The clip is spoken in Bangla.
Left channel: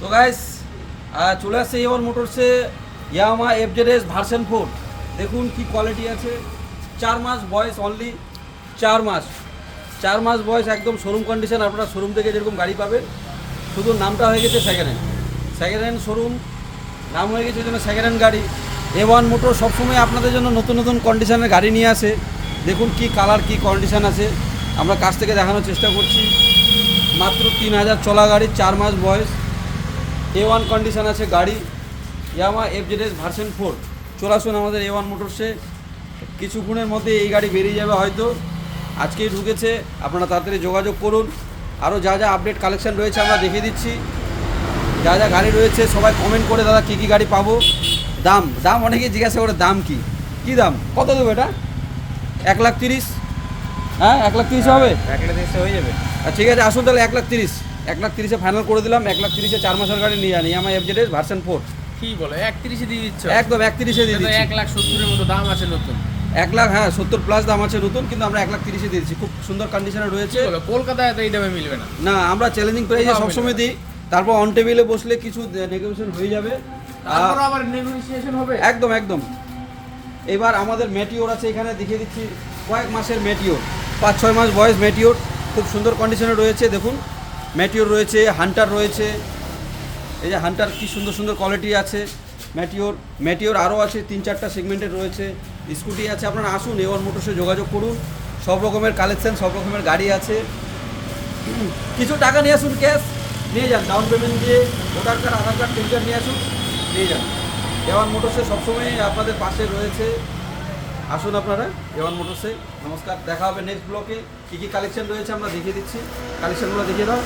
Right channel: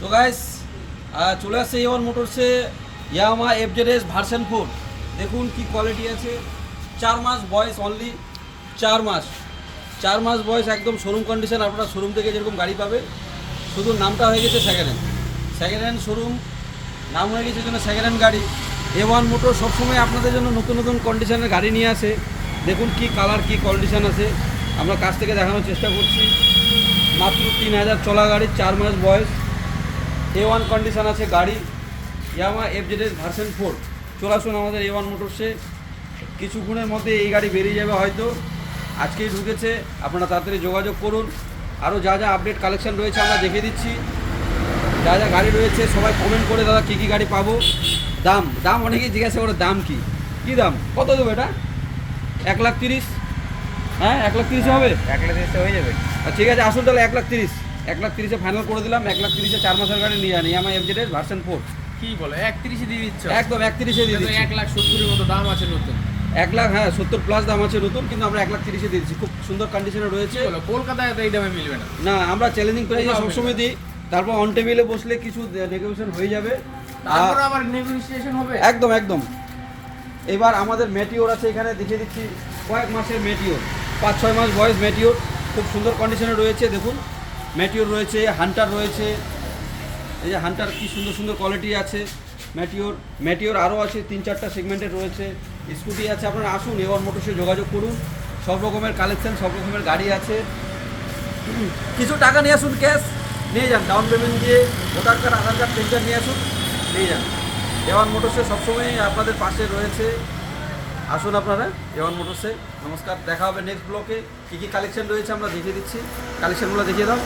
তো গাইস চলে আসছে এ1 মোটরসে ইয়ামাহা এফজেডএস ভার্সন 4। দেখুন কি কোয়ালিটি আছে। 4 মাস বয়স, অনলি 4 মাস বয়স, একদম শোরুম কন্ডিশন। আপনারা শোরুম থেকে যেরকম গাড়ি পাবেন, শুধু নামটা হয়ে গেছে সেকেন্ড হ্যান্ড শোরুম নাম হয়ে গেছে, জন্য সেকেন্ড হ্যান্ড গাড়ি। এ1 মোটর সবসময় আপনাদের জন্য নতুন নতুন কন্ডিশনের গাড়ি নিয়ে আসে। দেখুন কি কালার, কি কন্ডিশন আছে, আমরা কাছ থেকে দেখানোর চেষ্টা করছি। মাত্র 3000 চলা গাড়ি, 4 মাস বয়স, এ1 কন্ডিশন আছে গাড়ি, ইয়ামাহা এফজেডএস ভার্সন 4। চলে আসুন আমাদের এ1 মোটরসে। কিছুক্ষণের মধ্যে এই গাড়ি বেরিয়ে যাবে, হয়তো আজকেই ঢুকেছে। আপনারা তাড়াতাড়ি যোগাযোগ করুন। আরও যা যা আপডেট কালেকশন রয়েছে আমরা দেখিয়ে দিচ্ছি। যা যা গাড়ি রয়েছে সবাই কমেন্ট করে দাদা কী কী গাড়ি পাবো। দাম অনেকেই জিজ্ঞাসা করে দাম কী দাম, কত দেবো এটা? 1,30,000। হ্যাঁ 1,30,000 হবে, 1,30,000 হয়ে যাবে। ঠিক আছে, আসুন তাহলে 1,30,000 ফাইনাল করে দিলাম। 1,30,000 4 মাসের গাড়ি নিয়ে যান, আমার এফজেডএস ভার্সন 4। কি বলে 31 দিয়ে দিচ্ছ? একদম 31 দিয়ে দিচ্ছি। 1,70,000 এর মতো দাম আছে নতুন। 1,00,000, হ্যাঁ 70 প্লাস দাম আছে নতুন, কিন্তু আমরা 1,30,000 দিয়ে দিচ্ছি। খুব সুন্দর কন্ডিশনে রয়েছে। কলকাতায় তো এই দামে মিলবে না। না, আমরা চ্যালেঞ্জিং প্রাইসে সবসময় দিই। তারপর অন টেবিলে বসলে কিছু নেগোসিয়েশন হয়ে যাবে। তারপর আবার নেগোসিয়েশন হবে। একদম। এবার আমাদের ম্যাটিওর আছে, এখানে দেখিয়ে দিচ্ছি। কয়েক মাসের ম্যাটিওর, 5-6 মাস বয়স ম্যাটিওর, খুব সুন্দর কন্ডিশনে রয়েছে। দেখুন ম্যাটিওর রয়েছে, হান্টার রয়েছে। এই যে হান্টার, কি সুন্দর কোয়ালিটি আছে। ম্যাটিওর আরও আছে, 3-4টা সেগমেন্টের রয়েছে। স্কুটি আছে। আপনারা আসুন, এ1 মোটরসে যোগাযোগ করুন। সব রকমের কালেকশন, সব রকমের গাড়ি আছে। কিছু টাকা নিয়ে আসুন, ক্যাশ নিয়ে যান, ডাউন পেমেন্ট দিয়ে ভোটার কার্ড, আধার কার্ড, প্যান কার্ড নিয়ে আসুন, নিয়ে যান। এ1 মোটরসে সবসময় আপনাদের পাশে রয়েছে। আসুন আপনারা এ1 মোটরসে। নমস্কার, দেখা হবে নেক্সট ব্লকে। কী কী কালেকশন রয়েছে আমরা দেখিয়ে দিচ্ছি। কালেকশনগুলো দেখিয়ে দাও।